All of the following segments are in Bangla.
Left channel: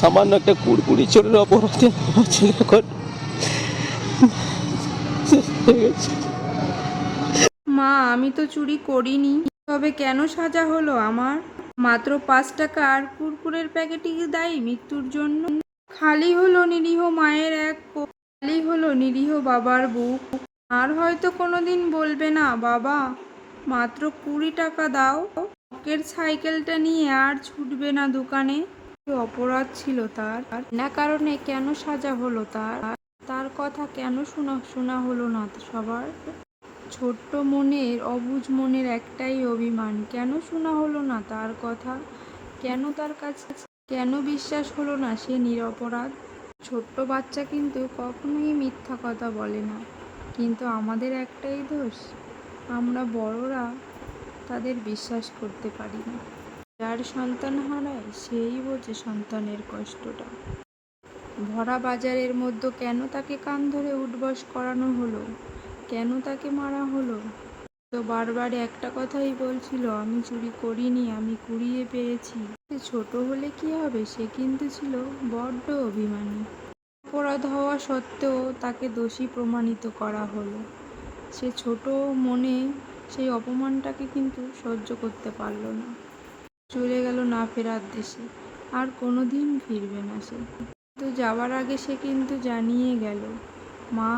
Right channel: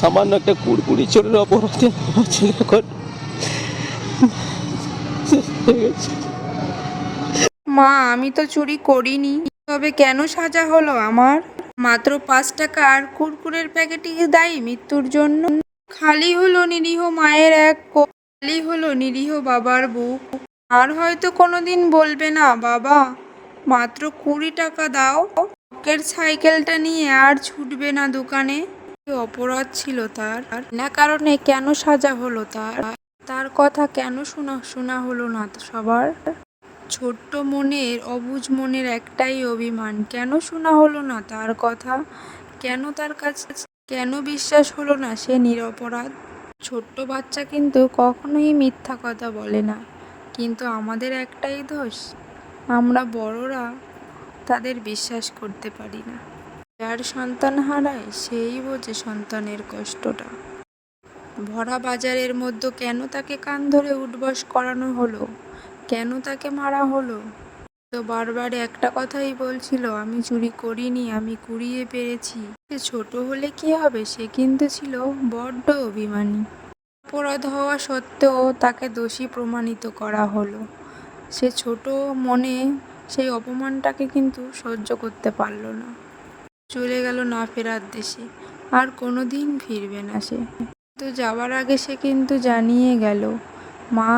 সামান্য একটা কুড়কুড়ি চোরের অপরাধে আমার ছেলে এখন শেষ হয়ে গেছে। মা, আমি তো চুরি করিনি, তবে কেন সাজা হলো আমার? মাত্র 5 টাকা আর কুরকুরের প্যাকেটই কি দায়ী মৃত্যুর জন্য? খালি হলো নিরীহ মায়ের এক কোল, খালি হলো নিরীহ বাবার বুক। আর হয়তো কোনোদিন বলবে না, বাবা মাত্র 20 টাকা দাও, শখের সাইকেলটা নিয়ে আর ছুটবে না দোকানে। কি অপরাধ ছিল তার? না কারণে কেন সাজা হলো তার? তার কথা কেন শোনা হলো না সবার? ছোট্ট মনের, অবুঝ মনের একটাই অভিমান, কেন শোনা হলো না তার কথা? কেন তার কাছে, কেন বিশ্বাস হলো না সে নিরপরাধ? ছোট্ট বাচ্চা কিন্তু কখনোই মিথ্যা কথা বলে না, কিন্তু আমাদের একটাই দোষ, আমরা বড়রা তাদের বিশ্বাস করতে পারি না। যার সন্তান হারায় সেই বোঝে সন্তানের কষ্টটা। ভরা বাজারের মধ্যে কেন তাকে কান ধরে উঠবস করানো হলো? কেন তাকে মারা হলো? তো বারবার একটা কথাই বলছিল, আমি চুরি করিনি, আমি কুড়িয়ে পেরেছি। সে ছোট হলে কি হবে, সে কিন্তু ছিল বড্ড অভিমানী। অপরাধ হওয়া সত্ত্বেও তাকে দোষী প্রমাণিত করা হলো। সে ছোট মনে সেই অপমানটাকে কিন্তু সহ্য করতে পারল না। চলে গেল না ফেরার দেশে, আর কোনো দিন ফিরবে না সে। তো যাওয়ার আগে সে কিন্তু জানিয়ে গেল, মা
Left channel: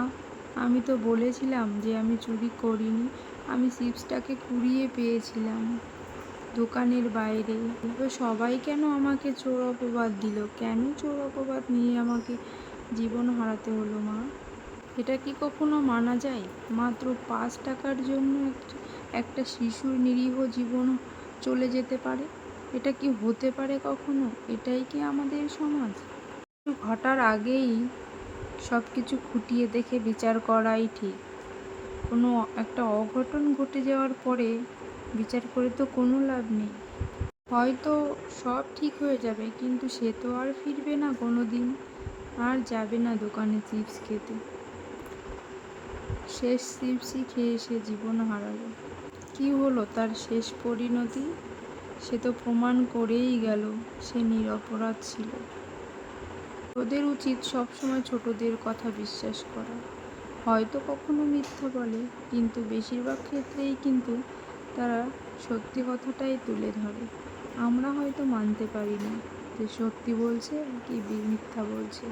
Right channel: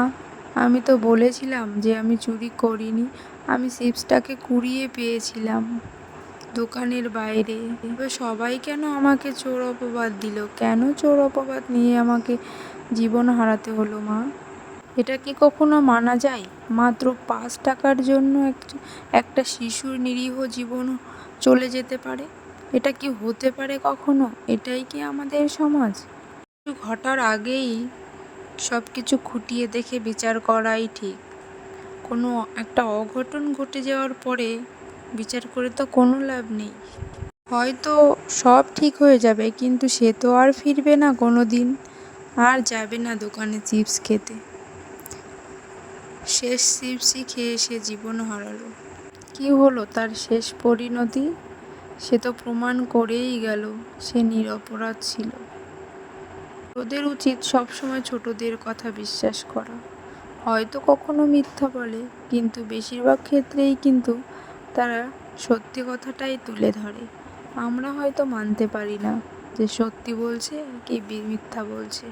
আমি তো বলেছিলাম যে আমি চুরি করিনি, আমি চিপসটাকে কুড়িয়ে পেয়েছিলাম দোকানের বাইরে। এবার সবাই কেন আমাকে চোর অপবাদ দিল? কেন চোর অপবাদ নিয়ে আমাকে জীবন হারাতে হলো মা? এটা কি কখনো মানা যায়? মাত্র 5 টাকার জন্য একটা শিশুর নিরীহ জীবন চলে যেতে পারে? এটা কি হতে পারে কখনো? এটাই কি আমাদের সমাজ? ঘটার আগেই সব কিছু খুঁটিয়ে দেখে বিচার করাই ঠিক। কোনো একটা অঘটন ঘটে যাওয়ার পরে বিচার করে তো কোনো লাভ নেই। হয়তো সব ঠিক হয়ে যাবে, কিন্তু সে তো আর ফিরবে না কোনো দিন, আর যাবে না দোকানে চিপস খেতে। শেষ চিপসই খেয়ে সে জীবন হারালো। কি হলো তার শেষ পরিণতি? সে তো প্রমাণ করেই গেল সে নিরপরাধ ছিল। ওদের উচিত সবসময় ছোটদের কথা বিশ্বাস করা। হয়তো কখনো মিথ্যা বলে, কিন্তু বেশিরভাগ ক্ষেত্রেই কিন্তু তারা সত্যি কথাটাই তুলে ধরে। আমরা হয়তো মানতে পারি না যে সত্যি বলছে কি মিথ্যা বলছে।